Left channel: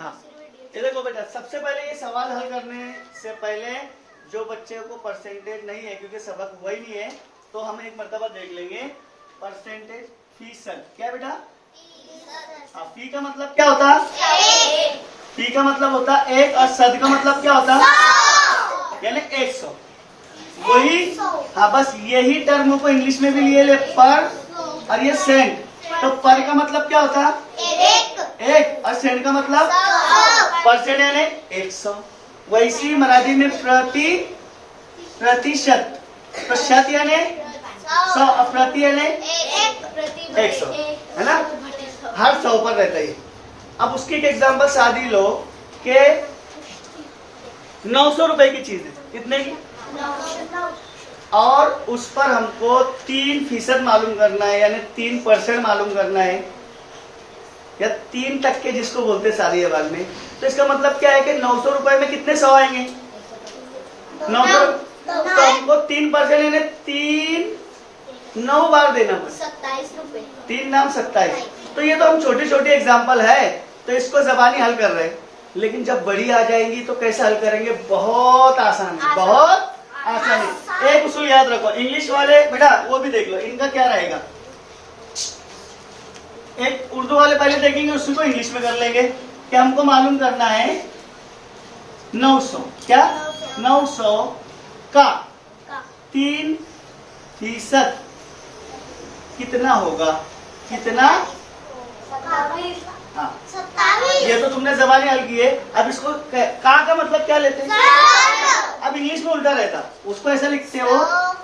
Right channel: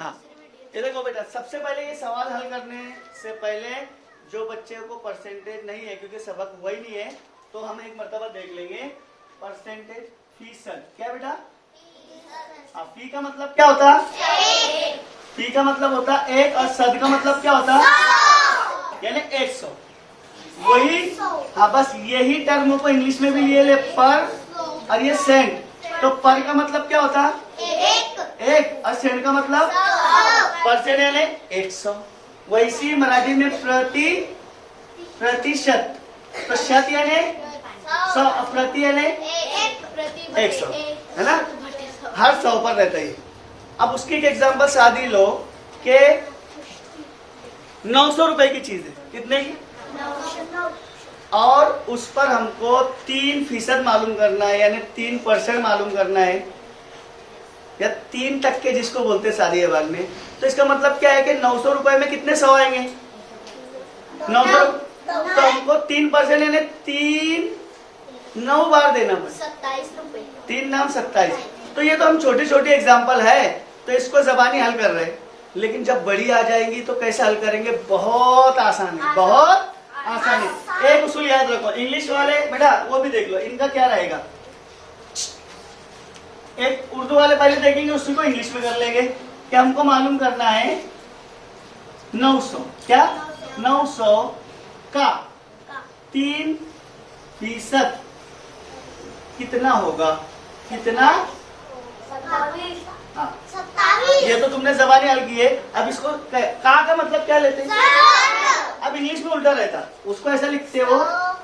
हाँ, ये देखो बेटा, सबसे पहले ये सवाल हल करने से पहले जो बच्चे को परसेंटेज नहीं है, क्योंकि सबक हुआ ही नहीं है, तो हम एक मर्तबा देख लेंगे परसेंटेज फीसद। क्या बेटा? हाँ, फी का मतलब क्या होता है? फी का मतलब होता है 1 और सद का मतलब क्या होता है? यानी 100। वही, हाँ, बस यही टर्म को इंग्लिश में भी लिए ले, पर और ये सेंट। तो पर का मतलब क्या होता है? एक। और सेंट का मतलब परसेंट यानी 100। वैसी मराठी में प्रतिशत, तो शत यानी 100 और प्रति यानी 100, है ना? हर 100 पर रहता है। अब उसकी एक एग्जाम्पल शादी लो कि 900 रुपए की चीज है, कितने की? और उस पर हमको 3% मालूम करना है, यानी 3% मालूम करना है, या 3% जिसको बोलते सारी आवाज में। तो इसका मतलब क्या है कि 900 रुपए में कितने 100 आएंगे? 900। तो हमको 3% यानी 9 बार देना बस, 27 रुपए। 3 नाम 27। तो ये तो हम छोटी छोटी एग्जाम्पल है, तो इसको जबानी हल कर रहे हैं। लेकिन जब बड़ी आ जाएंगी तो कैसे हल करेंगे? बहुत आसान है, बहुत आसान है। एक उसूल याद रखो, इंग्लिश वाले बेटा वो भी देख लो, इनका क्या रहेगा। एक उर्दू वाले पहले देखेंगे, उसी को इंग्लिश में कर लेंगे कि हमको मालूम करना है 900। क्या? 900 का 3% कितना होगा? कितना? हाँ, 27। ये तो तुमने जबानी हल की है। अब इसको का मतलब क्या लेते हैं? अब इंग्लिश में उल्टा रहता, उसको ऐसा लिखते हो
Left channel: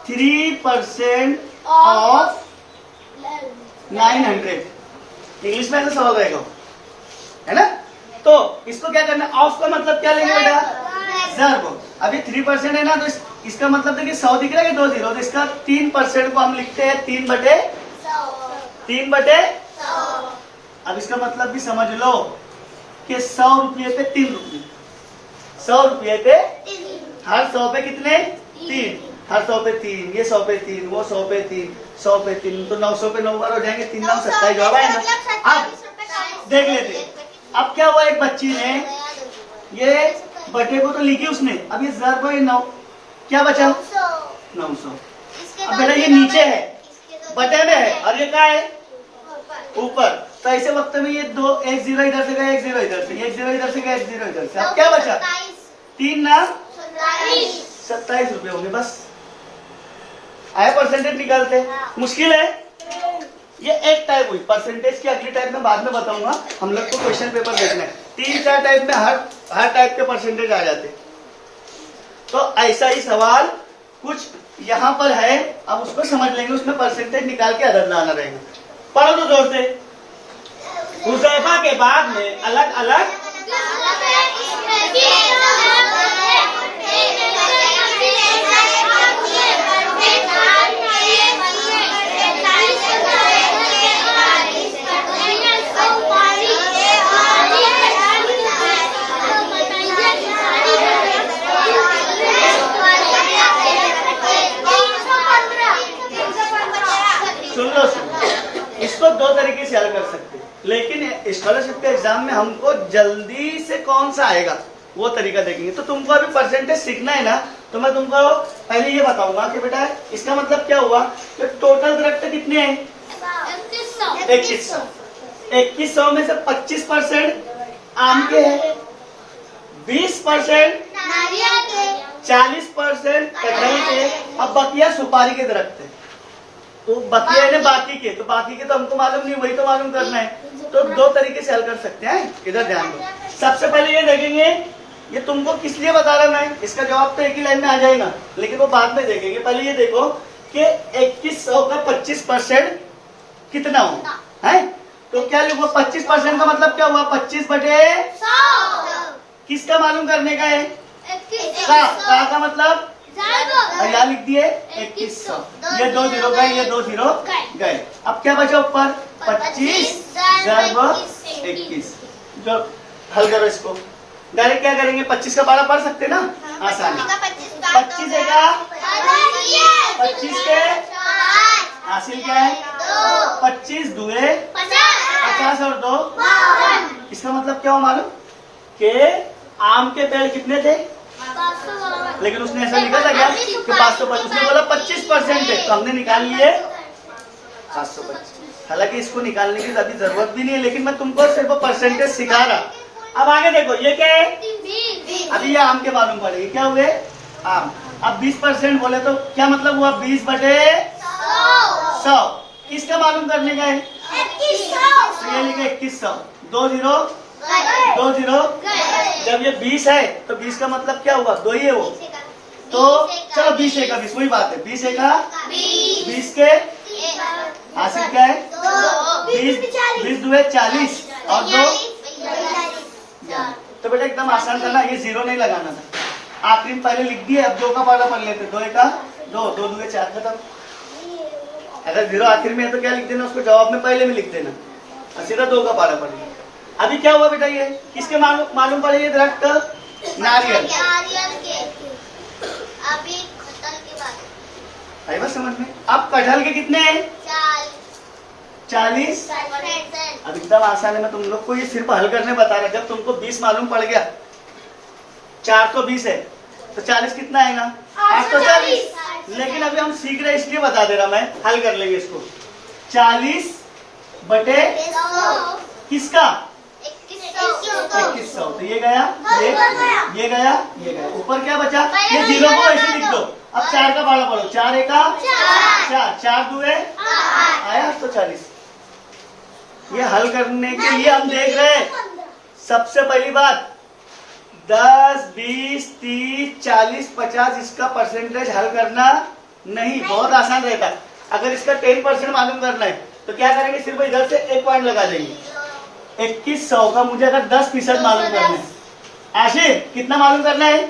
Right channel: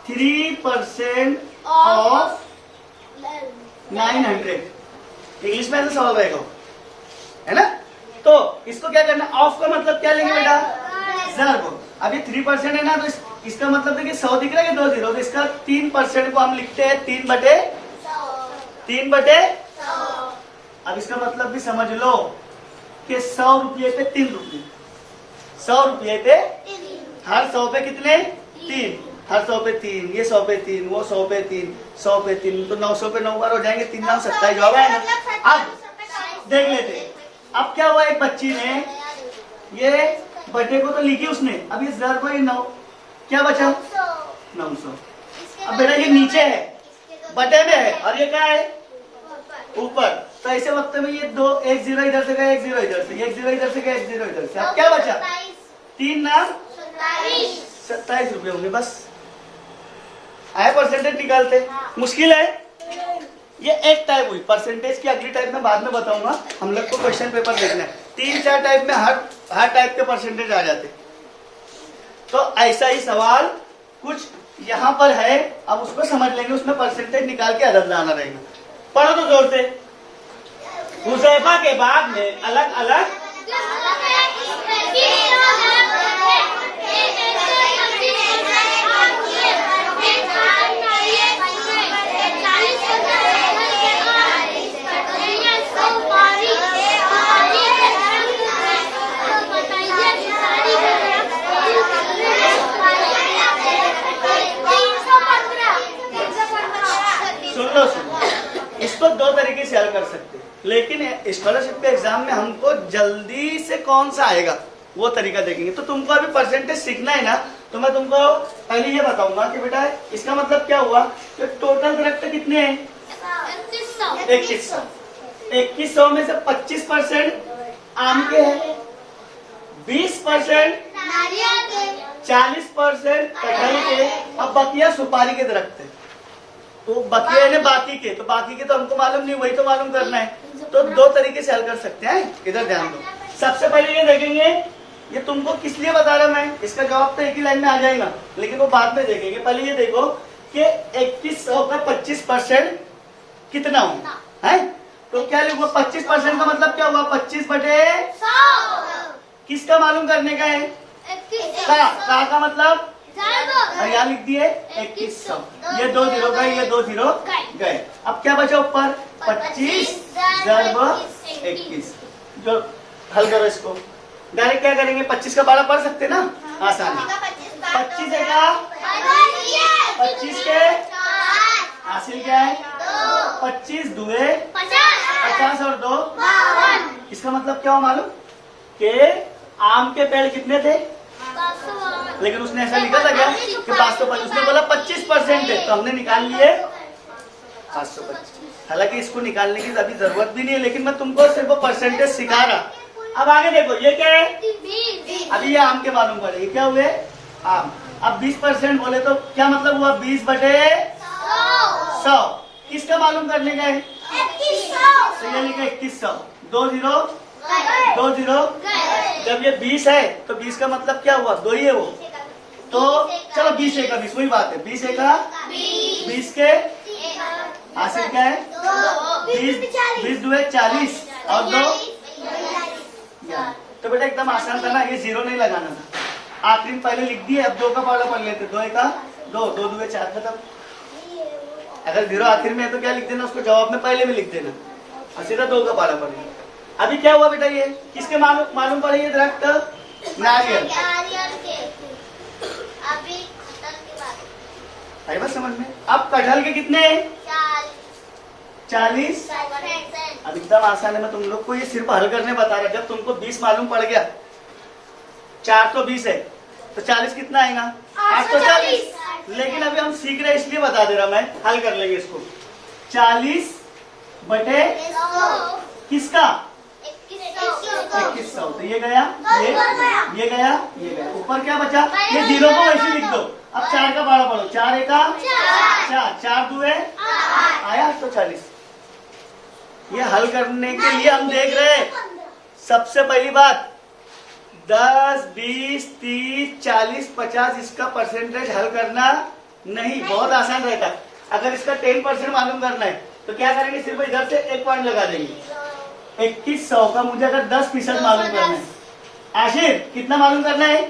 3% ऑफ 900। इंग्लिश में ऐसा सवाल रहेगा, है ना? तो इसको क्या करना? ऑफ का मतलब क्या लेंगे बेटा? ज़र्ब। अभी 3% है ना, तो इसका मतलब देखिए 100 दिख रहा है कि 2 0, तो इसका 3% को हम लिखते हैं 3/100। अब इसका मतलब भी समझ लो कि 100 रुपये पे 3 रुपये, 100 रुपये पे हर 100 पे कितने? 3। हर 100 पे 3, ये 100 पे 3, वो 100 पे 3, 100 पे 3, तो 900 पे 9 बार हो जाएंगे, 3 9 27 जवाब है ना। अब देख लेते, अब क्या हुआ, एक बच्ची ने ये बटे को तो लिखी उसने, अब ये ज़र्ब है 9, क्या बचा? 900। अब बेटा ये नीचे है, बटे में है, और ये क्या है? ऊपर। तो ऐसे वक्त में ये 1 0 इधर से गया, 1 0 इधर से, 1 0 इधर से गया, 1 0 इधर से। अब क्या बचा? 3 नाम 27 रुपये हो गए, बस। आया परसेंटेज निकालते? मुश्किल है? ये एक टाइप हुई परसेंटेज की, अगली टाइप में बाद में बताऊंगा। हम लोग को क्वेश्चन पेपर देखना है, 3-4 टाइप में हर टाइप के परसेंटेज आ जाते। तो ऐसा ही सवाल कुछ यहाँ पर है, अब उसको समझ लेंगे, उसमें परसेंटेज निकाल के अदद लाना रहेगा। पढ़ो तो जोर से। हुज़ैफा के बाद में अलग अलग इसको 2 तरीके से हल कर सकते हैं, लेकिन स्कॉलरशिप के एग्जाम में हमको जल्दी से कौन सा आएगा वो तरीका देखेंगे। तो तुमको अभी परसेंटेज सीखना है ना, तो मैं तुमको पहले ये बताऊंगा कि बेटा इसका मतलब क्या हुआ, तो टोटल दरख्त कितने हैं? 2100। 2100 में से 25% आम के हैं, 20% 40% कटहल के, अब बकिया सुपारी के दरख्त है। तो बकिया है बाकी के, तो बाकी के तो हमको मालूम नहीं, वही तो मालूम करना है। तो 2 तरीके से हल कर सकते हैं, इधर ध्यान दो। सबसे पहले ये देखेंगे, ये तुमको किस लिए बता रहा मैं, इसका जवाब तो एक ही लाइन में आ जाएगा, लेकिन वो बाद में देखेंगे। पहले ये देखो कि 2100 का 25% कितना हुआ है। तो क्या लिखो? 25% का मतलब क्या हुआ? 25/100। किसका मालूम करने का है? का मतलब और यहाँ लिख दिए 2100। ये 2 0 गए, ये 2 0 गए। अब क्या बचा ऊपर? 25 ज़र्ब 21। जो हल करो इसको, डायरेक्ट क्या करेंगे? 25 का 12 पढ़ सकते ना, आसानी। 25 है क्या? 25 के हासिल क्या है? 25 दुए 50 और 2। इसका मतलब क्या हो मालूम? कि आम के पेड़ कितने थे, लेकिन उसने ऐसा लिखा था क्या कि 525, उसने बोला 25% है, तो हमने निकाल लिए 525। हालांकि इसको निकालने की अभी जरूरत भी नहीं है, लेकिन मैं तुमको सिर्फ परसेंटेज सिखा रहा। अब आगे देखो, ये क्या है, अभी ये आम के मालूम पड़ेगी, क्या हुए आम। अब 20% बोले तो क्या मतलब हुआ, 20/100। किसका मालूम करने का है, तो ये लिखा 2100, 2 जीरो। जब ये 20 है तो 20 का मतलब क्या हुआ, 2 ही है वो, तो चलो 20 एक 20, वही बात है, 20 एक 20 के हासिल क्या है, 20 2 40 और 2। तो बेटा एकदम आसान था ना, ये 0 नहीं लगाना था, आखिरी में पहले लिख दिए, अब 2 का पाला पढ़ लेते, 2 एक 2, 2 2 4 खत्म। अगर 0 आखिर में है तो क्या लिख देना, उसको जवाब में पहले में लिख देना, और सीधा 2 का पाला पड़ेगा। अभी क्या हुआ बेटा, ये किसके मालूम पड़े, ये दरख्त नारियल। आई बात समझ में। अब कटहल के कितने हैं, 40। अब एकदम आसान है, मैं तुम लोग को ये सिर्फ हल करने बता रहा। जब तुमको 20 मालूम पड़ गया, 4 तो 20 है, तो 40 कितना आएगा, 840। लेकिन अभी हम सीख रहे इसलिए बता दे रहा मैं, हल कर लेंगे इसको। 40 बटे किसका, 2100, तो ये गया, ये गया, ऊपर क्या बचा, ये 0 को वैसे लिख दो। अब 4 का भाड़ा पढ़ो, 4 एक 4 2 आया 840। ये हल करने के लिए हम देख रहे हैं, सबसे पहली बात 10 20 30 40 50 इसका परसेंटेज हल करना नहीं, बहुत आसान रहता है। अगर इसका 10% मालूम करना है तो क्या करेंगे, सिर्फ इधर से 1 पॉइंट लगा देंगे। 2100 का मुझे अगर 10% मालूम करना है, आशिर कितना मालूम करना है,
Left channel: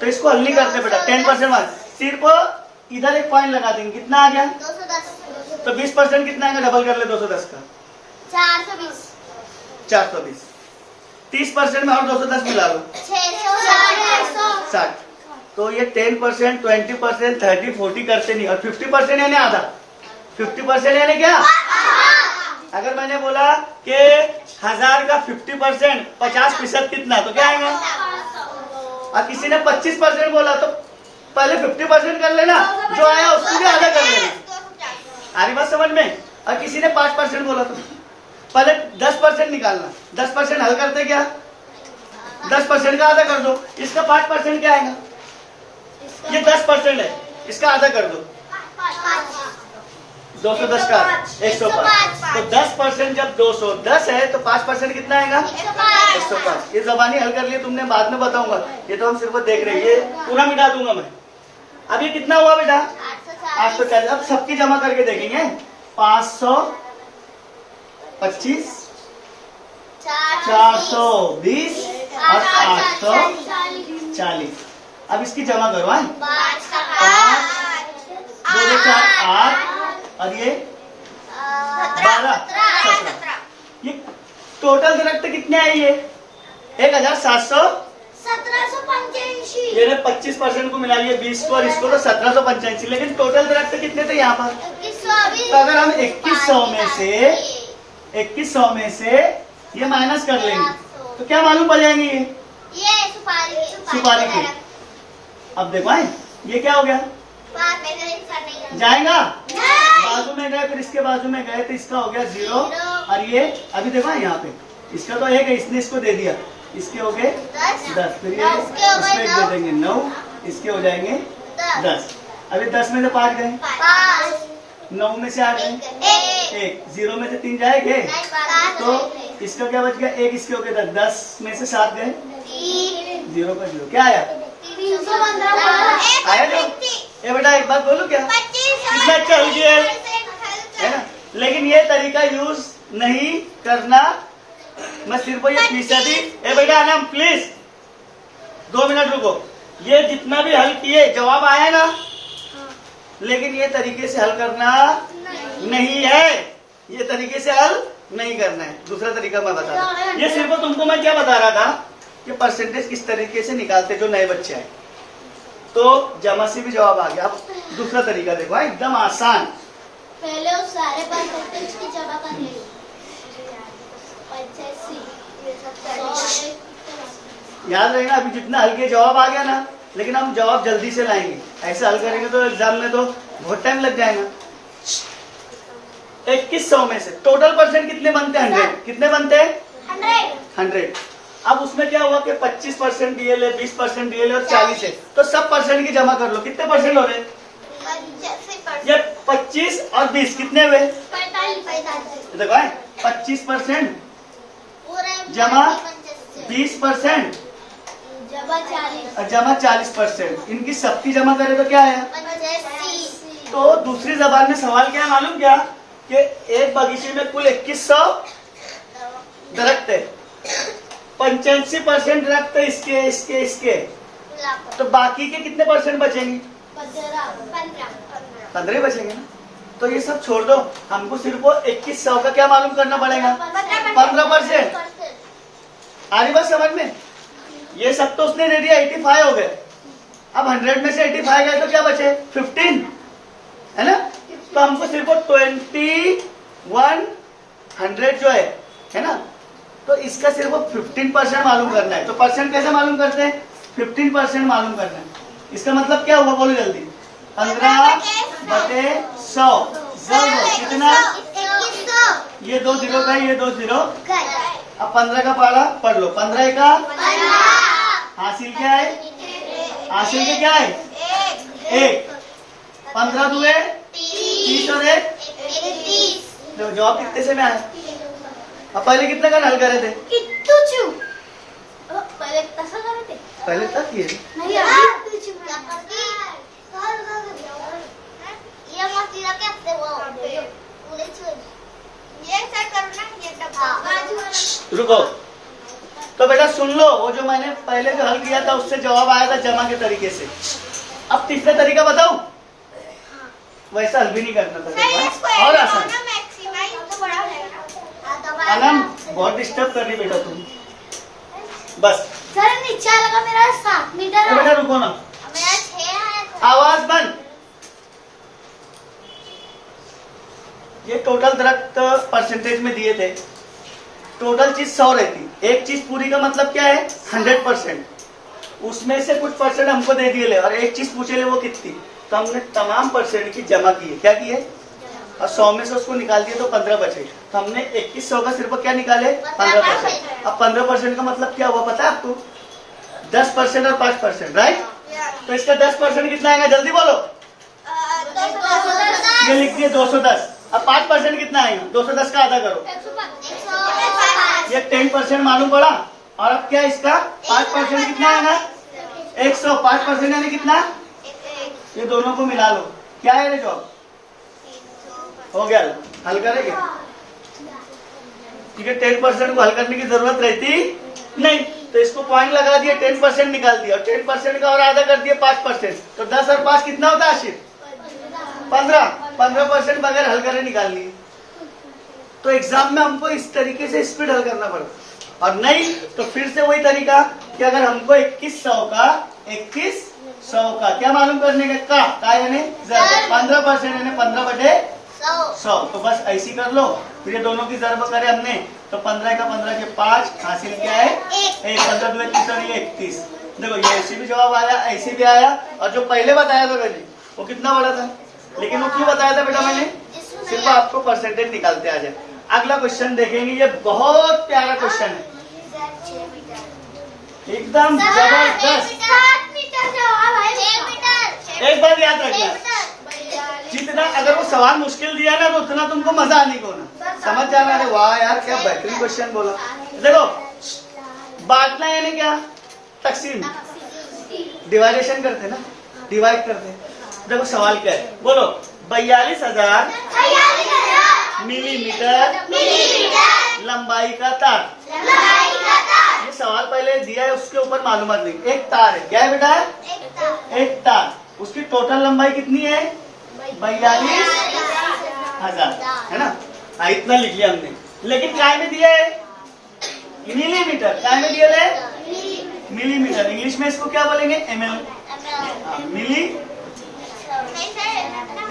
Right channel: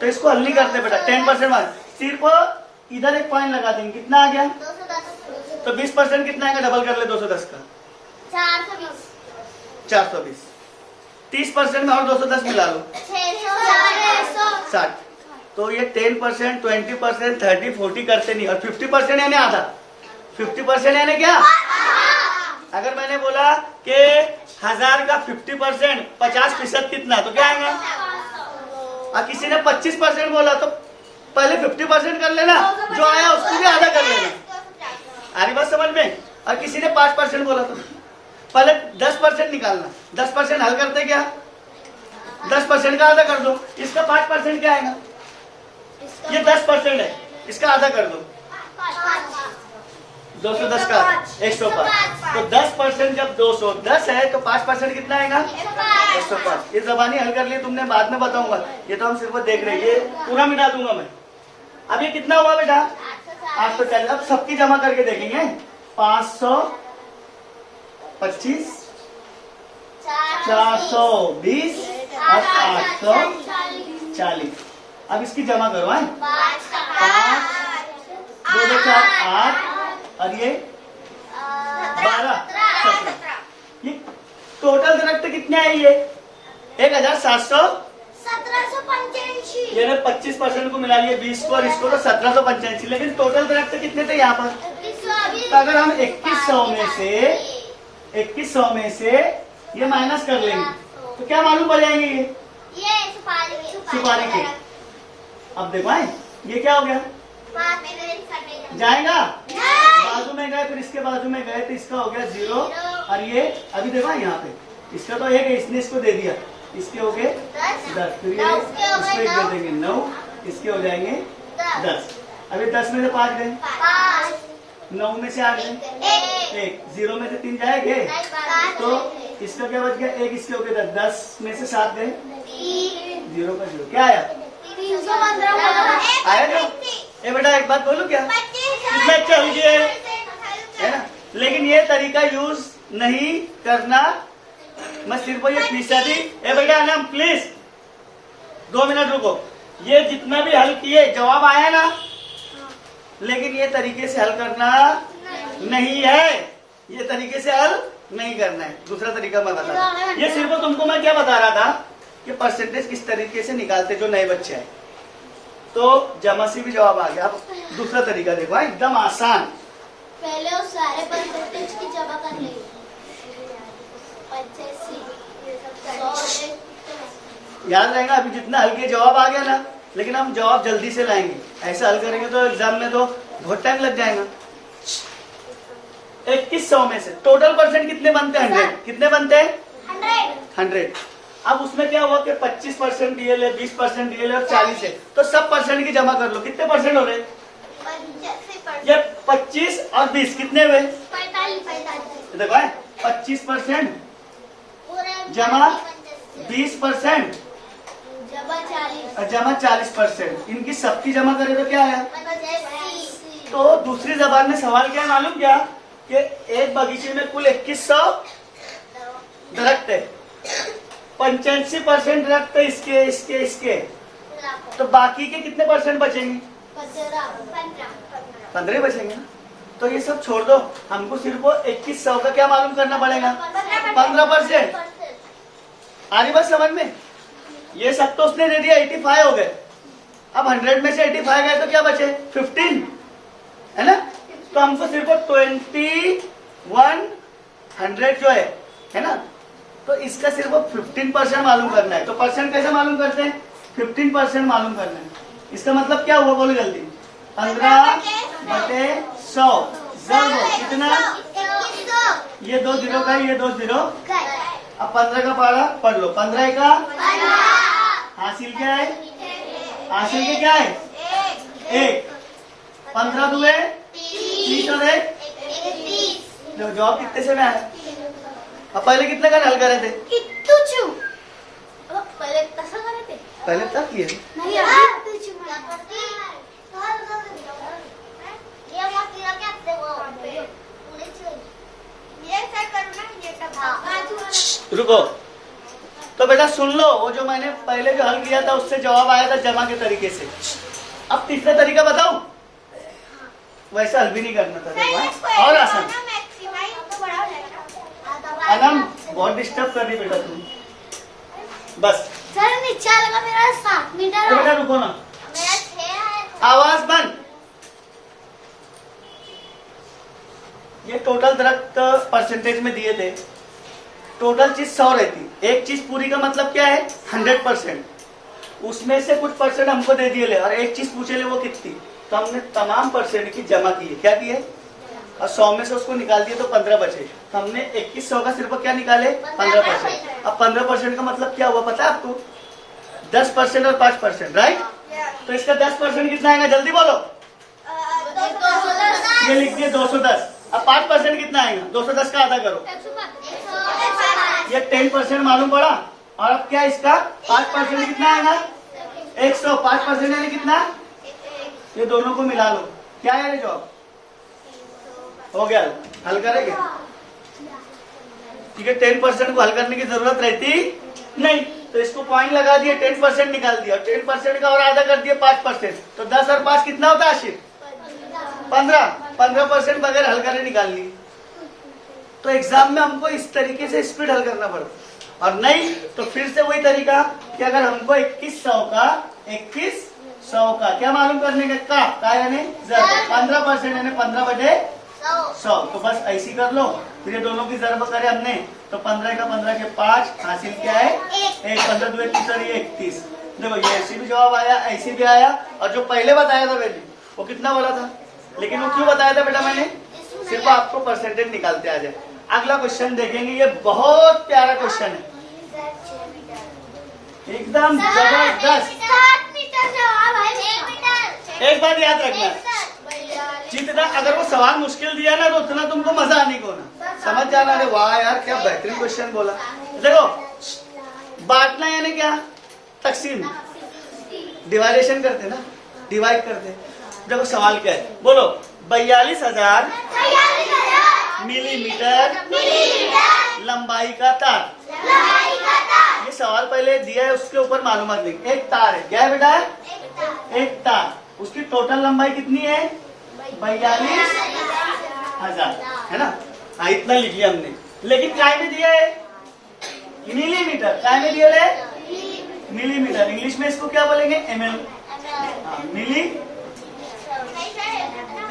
तो इसको हल नहीं करते बेटा, 10% मालूम, सिर्फ इधर 1 पॉइंट लगा देंगे, कितना आ गया, तो 20% कितना आएगा, डबल कर ले 210 का, 420। 30% में और 210 मिला लो, 60। तो ये 10%, 20%, 30, 40 करते नहीं, और 50% यानी आधा, 50% यानी क्या, अगर मैंने बोला कि 1000 का 50% 50% कितना, तो क्या आएगा। और किसी ने 25% बोला तो पहले 50% कर लेना, जो आया उसको भी आधा कर लेना, आ रही बात समझ में। और किसी ने 5% बोला तो पहले 10% निकालना, 10% हल करते क्या, 10% का आधा कर दो, इसका 5% क्या आएगा, ये 10% है, इसका आधा कर दो, 210 का 105। तो 10% जब 210 है तो 5% कितना आएगा, 105। ये जबानी हल कर लिए तुमने, बाद में बताऊंगा, ये तो हम सिर्फ देख रहे हैं, ये पूरा मिटा दूंगा मैं। अब ये कितना हुआ बेटा, 840। अब सबकी जमा करके देखेंगे, 525 420 और 840। अब इसकी जमा करो, 5 2 2 4 8 और ये 12 17। ये टोटल दरख्त कितने हैं, ये 1785। ये 25% को मिला लिए, 20 को और इसको, तो 1785। लेकिन टोटल दरख्त कितने थे यहाँ पर, तो अगर हम 2100 में से ये माइनस कर लेंगे तो क्या मालूम पड़ जाएंगे, ये सुपारी के। अब देखो ये क्या हो गया, जाएगा, बाजू में गए, फिर इसके बाजू में गए, तो इसका हो गया 0। और ये अभी देखो यहाँ पे, इसका तो 1 है, इसने इसको दे दिया, इसके हो गए 10, फिर ये उसको 1 दे देंगे 9, इसके हो जाएंगे 10। अभी 10 में से 5 गए, 9 में से 8 गए, 1, 0 में से 3 जाएंगे, तो इसका क्या बच गया, 1, इसके हो गए 10 में से 7 गए, 0 का 0, क्या आया, आया जो। ये बेटा एक बात बोलूं क्या, कितना अच्छा हो गया है ना, लेकिन ये तरीका यूज नहीं करना, मैं सिर्फ ये फीसदी। ए बेटा आलम प्लीज 2 मिनट रुको, ये जितना भी हल किए जवाब आया ना, लेकिन ये तरीके से हल करना नहीं है, ये तरीके से हल नहीं करना है, दूसरा तरीका मैं बता रहा। ये सिर्फ तुमको मैं क्या बता रहा था कि परसेंटेज किस तरीके से निकालते जो नए बच्चे हैं, तो जमा से भी जवाब आ गया। अब दूसरा तरीका देखो, एकदम आसान, पहले उस सारे परसेंटेज की जमा कर ले, 85 100 याद रहेगा, अभी जितना हल किया जवाब आ गया ना, लेकिन हम जवाब जल्दी से लाएंगे। ऐसे हल करेंगे तो एग्जाम में तो बहुत टाइम लग जाएगा। 2100 में से टोटल परसेंट कितने बनते हैं? 100। कितने बनते हैं? 100। अब उसमें क्या हुआ कि 25% डीएल है, 20% डीएल है और 40 है, तो सब परसेंट की जमा कर लो। कितने परसेंट हो रहे? ये 25 और 20 कितने हुए? 45। देखो 25% जमा 20% और जमा 40%, इनकी सबकी जमा करें तो क्या है? तो दूसरी जबान में सवाल क्या है मालूम क्या? कि एक बगीचे में कुल 2100 दरख्त है, 85% दरख्त है इसके इसके इसके, तो बाकी के कितने परसेंट बचेंगे? 15 बचेंगे ना। तो ये सब छोड़ दो, हमको सिर्फ वो 2100 का क्या मालूम करना पड़ेगा? 15%। आ रही बात समझ में? ये सब तो उसने दे दिया, 85 हो गए। अब 100 में से 85 गए तो क्या बचे? 15 है ना। तो हमको सिर्फ 2100 जो है ना, तो इसका सिर्फ 15% मालूम करना है। तो परसेंट कैसे मालूम करते हैं? 15% मालूम करना है। इसका मतलब क्या हुआ बोलो जल्दी? 15/100 कितना? ये 2 0 का, ये 2 0। अब 15 का पढ़ा पढ़ लो। 15 का हासिल क्या है? हासिल के क्या है? 1। 15 दुए 30 और 1 जवाब कितने से में आया? अब पहले कितने का हल करे थे? पहले तक ये रुको, तो बेटा सुन लो, वो जो मैंने पहले जो हल किया था उससे जवाब आया था जमा के तरीके से। अब तीसरा तरीका बताऊं? वैसा हल भी नहीं करना था, और आसान। अनम बहुत डिस्टर्ब कर रही बेटा तुम, बस। सर नीचे लगा मेरा 7 मीटर। बेटा रुको ना, मेरा 6 है। आवाज बंद। ये टोटल दरख्त परसेंटेज में दिए थे, टोटल चीज 100 रहती। एक चीज पूरी का मतलब क्या है? 100%। उसमें से कुछ परसेंट हमको दे दिए ले, और एक चीज पूछे ले वो कितनी, तो हमने तमाम परसेंट की जमा की है। क्या की है? और 100 में से उसको निकाल दिए तो 15 बचे, तो हमने 2100 का सिर्फ क्या निकाले? 15%। अब 15% का मतलब क्या हुआ पता है आपको? 10% और 5%, राइट? तो इसका 10% कितना आएगा जल्दी बोलो? ये लिख दिए 210। अब 5% कितना आएगा? 210 का आधा करो, ये 10% मालूम पड़ा। और अब क्या इसका 5% कितना आएगा? 100। 5% यानी कितना? ये दोनों को मिला लो, क्या है ये जवाब? हो गया, हल करेंगे। ठीक है, 10% को हल करने की जरूरत रहती नहीं, तो इसको पॉइंट लगा दिए, 10% निकाल दिया, और 10% का और आधा कर दिया 5%, तो 10 और 5 कितना होता है? 80। 15% बगैर हल करे निकाल लिए। तो एग्जाम में हमको इस तरीके से स्पीड हल करना पड़ता, और नहीं तो फिर से वही तरीका कि अगर हमको 2100 का क्या मालूम करने का यानी 15% यानी 15/100, तो बस ऐसी कर लो। फिर ये दोनों की जरब करे हमने, तो 15 का 15 के 5 हासिल क्या है? 1। 15 2 31 और 31। देखो ये ऐसे भी जवाब आया, ऐसे भी आया, और जो पहले बताया था मैंने वो कितना बड़ा था, लेकिन वो क्यों बताया था बेटा मैंने? सिर्फ आपको परसेंटेज निकालते आ जाए। अगला क्वेश्चन देखेंगे, ये बहुत प्यारा क्वेश्चन है, एकदम जबरदस्त। एक बात याद रखना, जितना अगर वो सवाल मुश्किल दिया ना तो उतना तुमको मजा आने को ना, समझ जाना। अरे वाह यार क्या बेहतरीन क्वेश्चन बोला। देखो बांटना यानी क्या? तकसीम, डिवाइडेशन करते ना, डिवाइड करते। देखो सवाल क्या है बोलो? 42,000 मिलीमीटर लंबाई का तार। ये सवाल पहले दिया है, उसके ऊपर मालूमात नहीं। एक तार है, क्या है बेटा? एक तार, उसकी टोटल लंबाई कितनी है? 42,000 है ना। हाँ इतना लिख लिया हमने, लेकिन काय में दिया है? मिलीमीटर। काय में दिया है? मिलीमीटर। इंग्लिश में इसको क्या बोलेंगे? ml।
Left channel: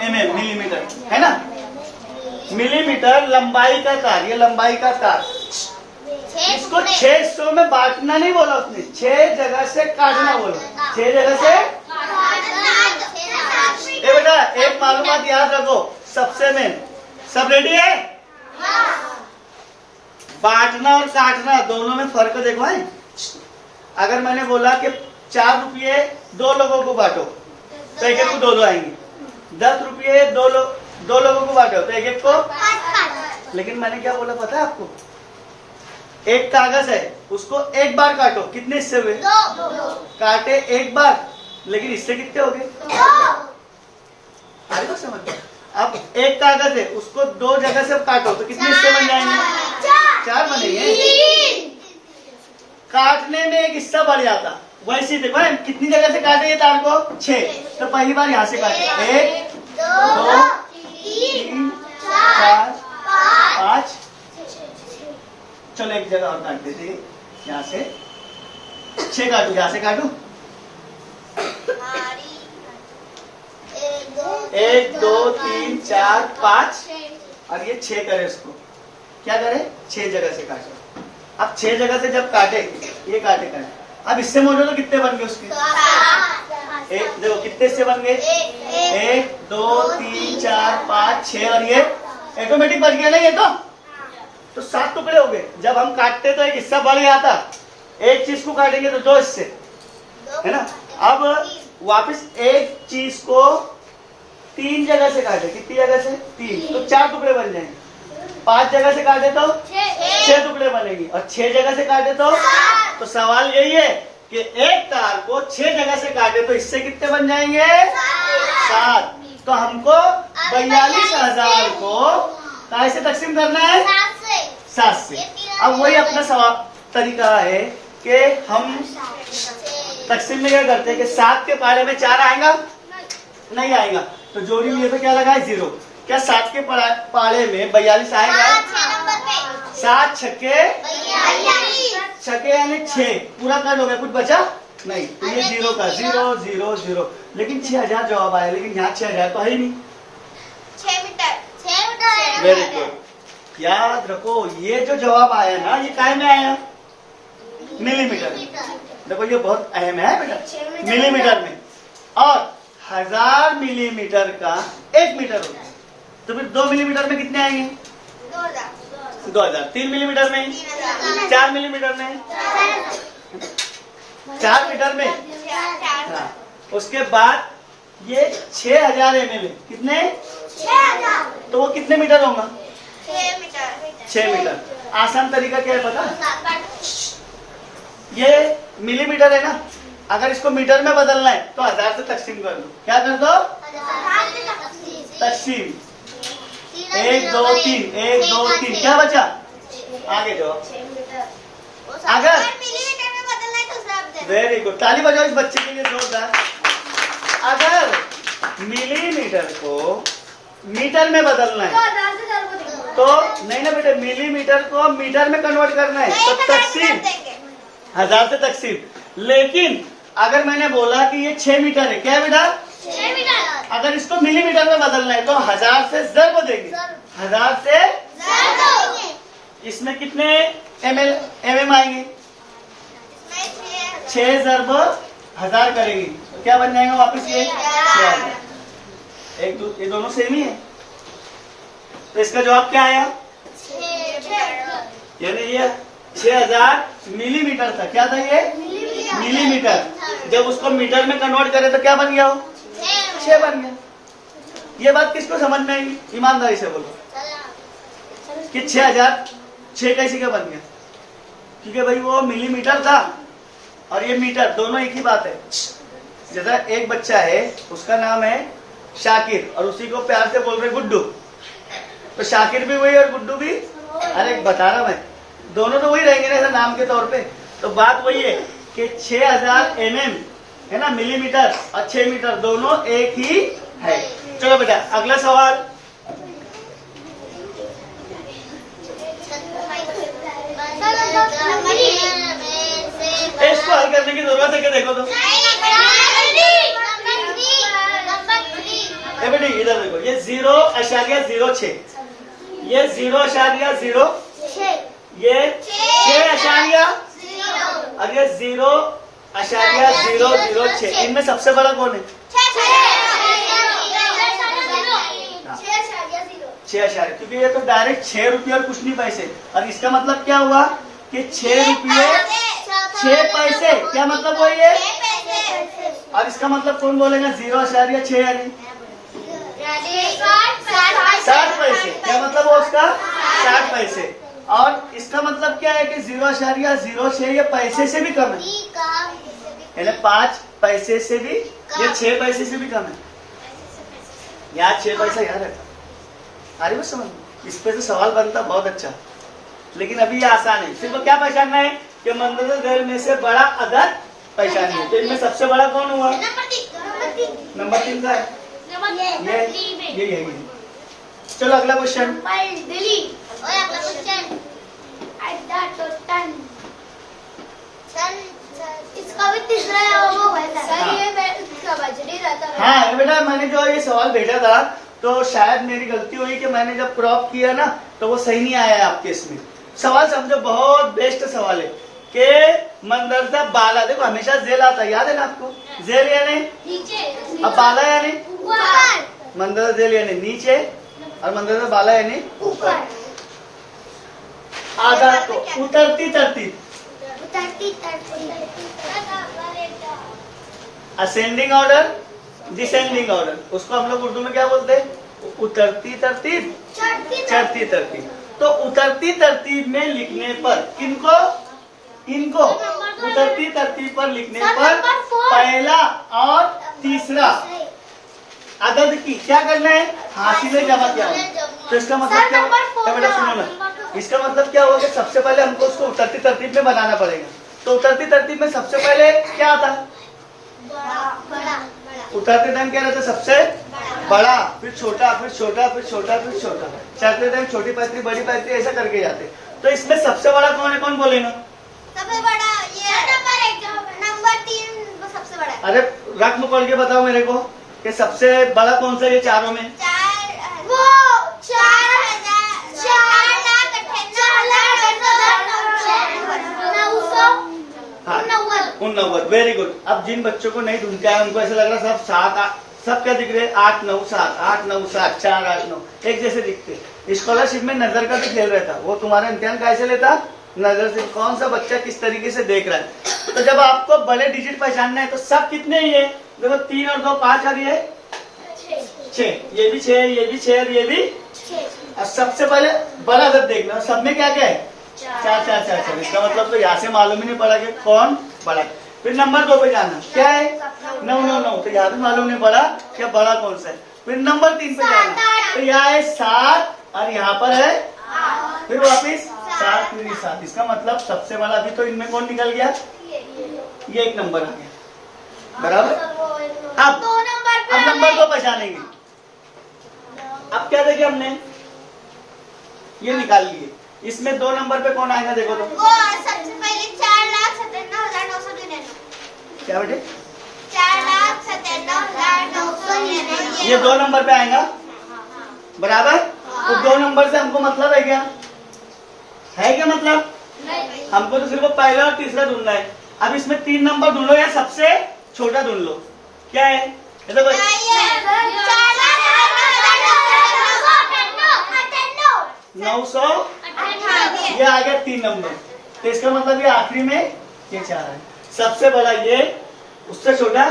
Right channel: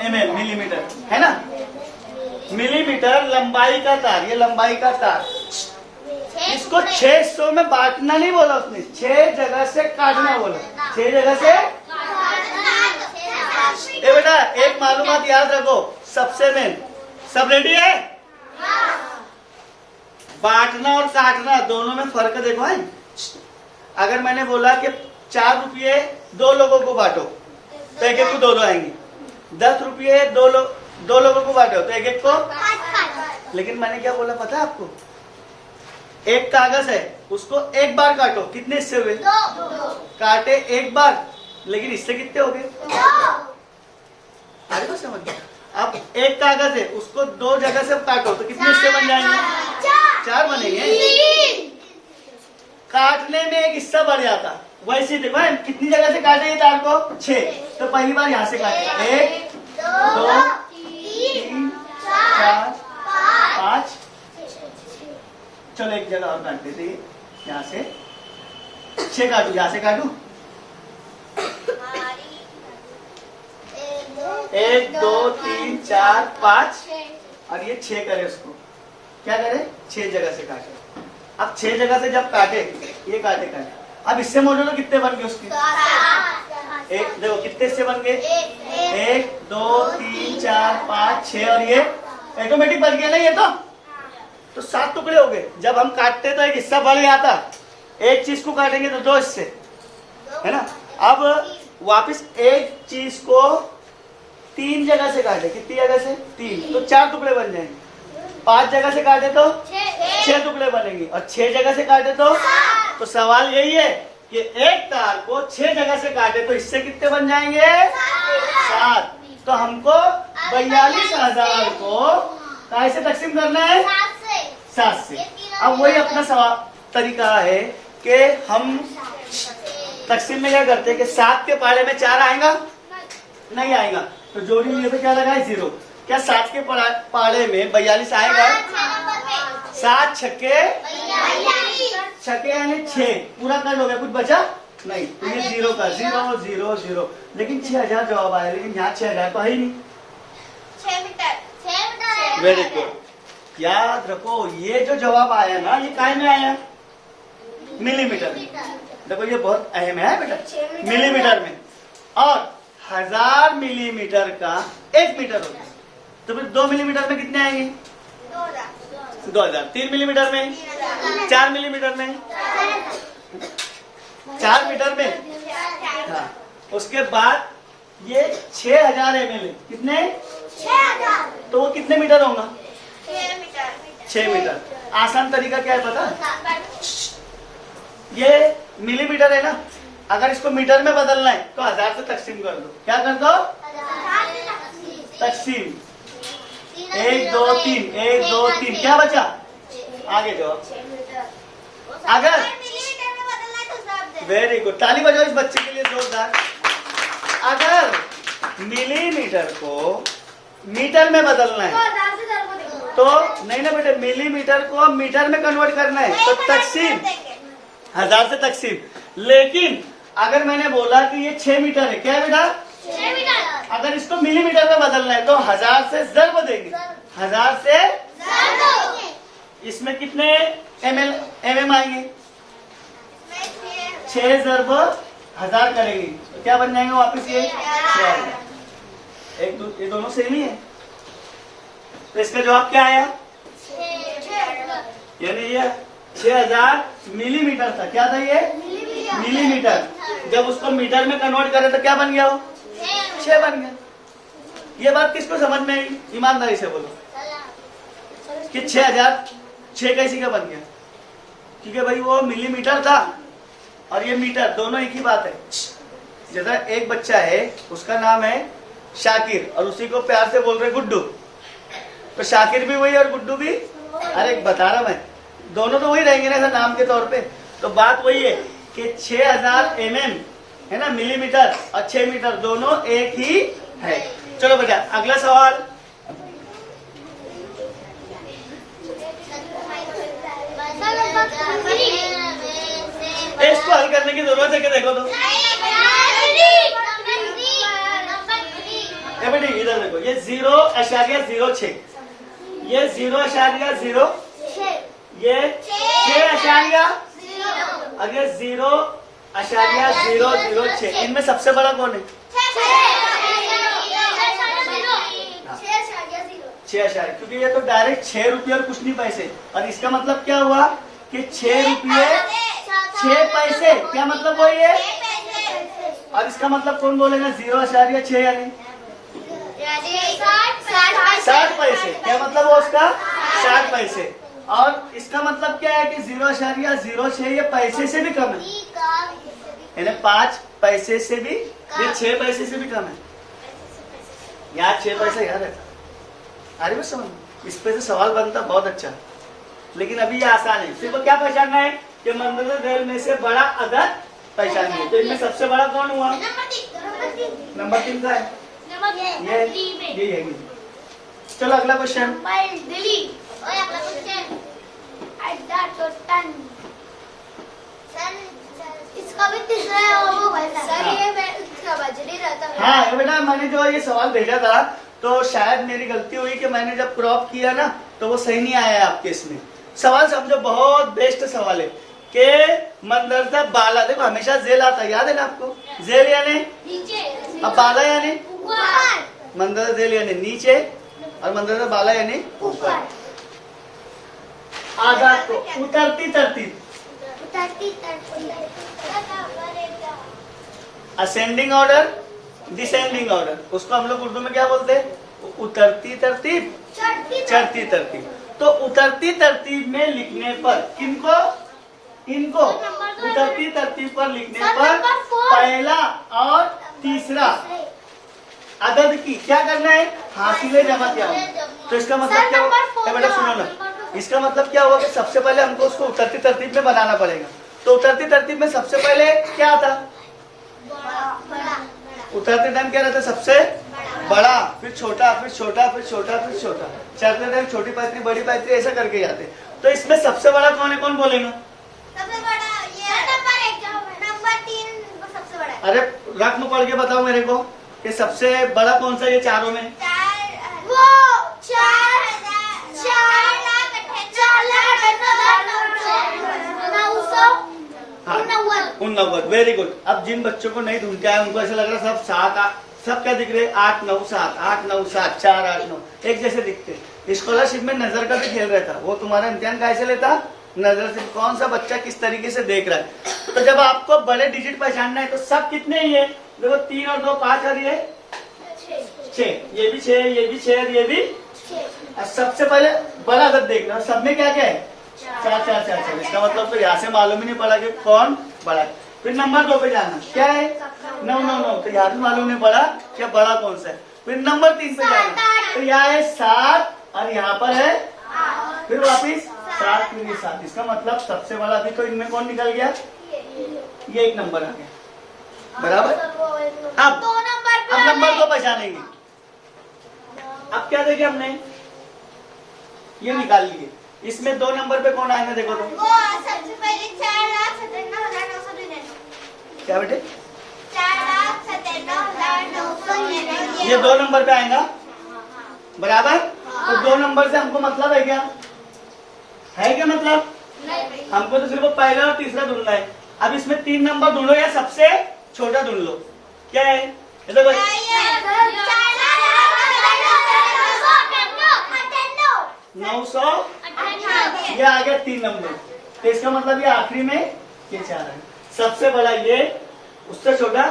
मिलीमीटर है ना। मिलीमीटर लंबाई का तार, ये लंबाई का तार इसको 6 हिस्सों में बांटना नहीं बोला उसने, 6 जगह से काटना बोला, 6 जगह से। ये बेटा एक मालूमात याद रखो सबसे मेन, सब रेडी है? बांटना और काटना दोनों में फर्क देखो है। अगर मैंने बोला कि 4 रुपये 2 लोगों को बांटो तो एक एक को 2 आएंगे, 10 रुपये 2 लोगों को बांटो तो एक एक को। लेकिन मैंने क्या बोला पता है आपको? एक कागज है उसको एक बार काटो, कितने हिस्से हुए? काटे एक बार, लेकिन इससे कितने हो गए? अरे तो समझ। अब एक कागज है उसको 2 जगह से काटो तो कितने हिस्से बन जाएंगे? 4 बनेंगे। काटने में एक हिस्सा बढ़ जाता, वैसे देखो कितनी जगह से काटे ये तार को? 6। तो पहली बार यहाँ से काटे, 1 2 3 4 5। चलो एक जगह और काट देते, यहाँ से 6 काटू, यहाँ से काटू 1 2 3 4 5 और ये 6 करे, इसको क्या करे? 6 जगह से काटे। अब 6 जगह से जब काटे, ये काटे, अब इससे मोड़ो तो कितने बन गए उसके? एक देखो कितने हिस्से बन गए? 1 2 3 4 5 6 और ये ऑटोमेटिक बन गया ना ये तो 7 टुकड़े हो गए। जब हम काटते तो एक हिस्सा बढ़ गया था, एक चीज को काटेंगे तो 2 हिस्से, है ना? अब वापस एक चीज को 3 जगह से काटे, कितनी जगह से? 3, तो 4 टुकड़े बन जाएंगे। 5 जगह से काटे तो 6 टुकड़े बनेंगे, और 6 जगह से काटे तो सवाल यही है कि एक तार को 6 जगह से काटे तो इससे कितने बन जाएंगे? 7। तो हमको 42,000 को काय से तकसीम करना है? 7 से। अब वही अपना सवाल तरीका है कि हम तकसीम में क्या करते हैं कि 7 के पारे में 4 आएगा? नहीं आएगा, तो जोड़ी लिए पे क्या लगा है? 0। क्या 7 के पारे में 42 आएगा? 7 छक्के यानी 6, पूरा कट हो गया, कुछ बचा नहीं, तो ये 0 का 0 0 0। लेकिन 6,000 जवाब आया, लेकिन यहाँ 6,000 तो है ही नहीं। 6 मीटर। Very good. याद रखो ये जो जवाब आया ना, ये काय में आया? मिलीमीटर में। देखो ये बहुत अहम है बेटा, मिलीमीटर में। और 1000 मिलीमीटर का 1 मीटर होता है, तो फिर 2 मिलीमीटर में कितने आएंगे? 2000। 3 मिलीमीटर में, 4 मिलीमीटर में, 4 मीटर में। हाँ। उसके बाद ये 6000 ml, कितने? 6000। तो वो कितने मीटर होगा? 6 मीटर। आसान तरीका क्या है पता? ये मिलीमीटर है ना, अगर इसको मीटर में बदलना है तो 1000 से तकसीम कर दो। क्या कर दो? तकसीम। 1 2 3 1 2 3, क्या बचा? आगे जाओ। अगर वेरी गुड, ताली बजाओ इस बच्चे के लिए जोरदार। अगर मिलीमीटर को मीटर में बदलना है तो नहीं ना बेटे, मिलीमीटर को मीटर में कन्वर्ट करना है तो तकसीम 1000 से तकसीम। लेकिन अगर मैंने बोला कि ये 6 मीटर है, क्या है बेटा? 6 मीटर। अगर इसको मिलीमीटर में बदलना है तो 1000 से ज़र्ब देंगे, 1000 से। इसमें कितने mm आएंगे? 6 ज़र्ब 1000 करेंगे तो क्या बन जाएगा वापस? ये 6000। ये दोनों सेम ही है, तो इसका जवाब क्या आया? यानी ये 6000 मिलीमीटर था। क्या था ये? मिलीमीटर। जब उसको मीटर में कन्वर्ट करें तो क्या बन गया वो? 6 बन गया। ये बात किसको समझ में आई? ईमानदारी से बोलो कि 6000 6 कैसे क्या बन गया? क्योंकि भाई वो मिलीमीटर था और ये मीटर, दोनों एक ही बात है। जैसा एक बच्चा है, उसका नाम है शाकिर और उसी को प्यार से बोल रहे गुड्डू, तो शाकिर भी वही और गुड्डू भी, अरे बता रहा मैं, दोनों तो वही रहेंगे ना नाम के तौर पे। तो बात वही है कि 6000 mm है ना, मिलीमीटर और 6 मीटर दोनों एक ही है। चलो बेटा अगला सवाल। इसको हल करने की जरूरत है क्या? देखो तो बेटी इधर देखो, ये 0.06, ये 0.06, ये 6.0 और ये 0.006। इनमें सबसे बड़ा कौन है? 6.0, क्योंकि ये तो डायरेक्ट 6 रुपये और कुछ नहीं पैसे। और इसका मतलब क्या हुआ कि 6 रुपये 6 पैसे, क्या मतलब हुआ ये? और इसका मतलब कौन बोलेगा? 0.6 यानी 60 पैसे। क्या मतलब हुआ उसका? 60 पैसे। और इसका मतलब क्या है कि 0.06 ये पैसे से भी कम है, यानी 5 पैसे से भी, ये 6 पैसे से भी कम है। यार 6 पैसा याद है, अरे वो समझ, इस पे से सवाल बनता बहुत अच्छा। लेकिन अभी ये आसान है, सिर्फ क्या पहचानना है कि मंदर रेल में से बड़ा अदद पहचानिए। है तो इनमें सबसे बड़ा कौन हुआ? नंबर 3 का है ये है। चलो अगला क्वेश्चन। इसका भी तीसरा वो सर, ये इसका बजरी रहता है। हाँ बेटा, मैंने जो ये सवाल भेजा था तो शायद मेरी गलती हुई कि मैंने जब क्रॉप किया ना तो वो सही नहीं आया है आपके इसमें। सवाल समझो, बहुत बेस्ट सवाल है कि मंदरजा बाला, देखो हमेशा जेल आता है, याद है ना आपको? जेल यानी नीचे, अब बाला यानी ऊपर, मंदरजा जेल यानी नीचे और मंदरजा बाला यानी ऊपर। आजाद को उतरती तरतीब, असेंडिंग ऑर्डर, डिसेंडिंग ऑर्डर, उसको हम लोग उर्दू में क्या बोलते हैं? उतरती तरतीब, चढ़ती तरतीब। तो उतरती तरतीब में लिखने पर किनको? इनको उतरती तरतीब पर लिखने पर पहला और तीसरा अदद की क्या करना है? हासिल जमा क्या होगा? तो इसका मतलब क्या होगा? बेटा सुनो ना, इसका मतलब क्या होगा कि सबसे पहले हमको उसको उतरती तरतीब में बनाना पड़ेगा। तो उतरती तरतीब में सबसे पहले क्या था? उतरते टाइम क्या रहता? सबसे बड़ा, फिर छोटा, फिर छोटा, फिर छोटा, फिर छोटा, चढ़ते टाइम छोटी पैतरी, बड़ी पैतरी, ऐसा करके जाते। तो इसमें सबसे बड़ा कौन है? कौन बोलेगा? सबसे बड़ा ये नंबर 3 सबसे बड़ा है। अरे रकम पढ़ के बताओ मेरे को कि सबसे बड़ा कौन सा है ये चारों में? 89। Very good. अब जिन बच्चों को नहीं ढूंढ के आया उनको ऐसा लग रहा सब 7 सब क्या दिख रहे? 8 9 7, 8 9 7, 4 8 9 एक जैसे दिखते। स्कॉलरशिप में नजर का भी खेल रहता, वो तुम्हारा इम्तिहान कैसे लेता? नजर से, कौन सा बच्चा किस तरीके से देख रहा है। तो जब आपको बड़े डिजिट पहचानना है तो सब कितने ही है? देखो 3 और 2 5 और ये 6, ये भी 6, ये भी 6 और ये भी 6। अब सबसे पहले बड़ा अदद देखना, सब में क्या क्या है? 4 4 4 4। इसका मतलब तो यहाँ से मालूम ही नहीं पड़ा कि कौन बड़ा है। फिर नंबर 2 पे जाना, क्या है? 9 9 9, तो यहाँ भी मालूम नहीं पड़ा कि बड़ा कौन सा है। फिर नंबर 3 पे जाना, तो यहाँ है 7 और यहाँ पर है, फिर वापिस 7 फिर 7। इसका मतलब सबसे बड़ा अभी तो इनमें कौन निकल गया? ये 1 नंबर आ गया, बराबर। अब 2 नंबर को पहचानेंगे। अब क्या देखे हमने? ये निकाल लिए। इसमें 2 नंबर पे कौन आएगा? देखो तो सबसे पहले 4,57,999। क्या बेटे? 4,57,999। ये 2 नंबर पे आएगा, बराबर। तो 2 नंबर से हमको मतलब है क्या? है क्या मतलब? हमको तो सिर्फ पहला और तीसरा ढूंढना है। अब इसमें 3 नंबर ढूंढो या सबसे छोटा ढूंढ लो। क्या है? ये देखो 900, ये आ गया 3 नंबर। तो इसका मतलब ये आखिरी में ये 4 है। सबसे बड़ा ये, उससे छोटा,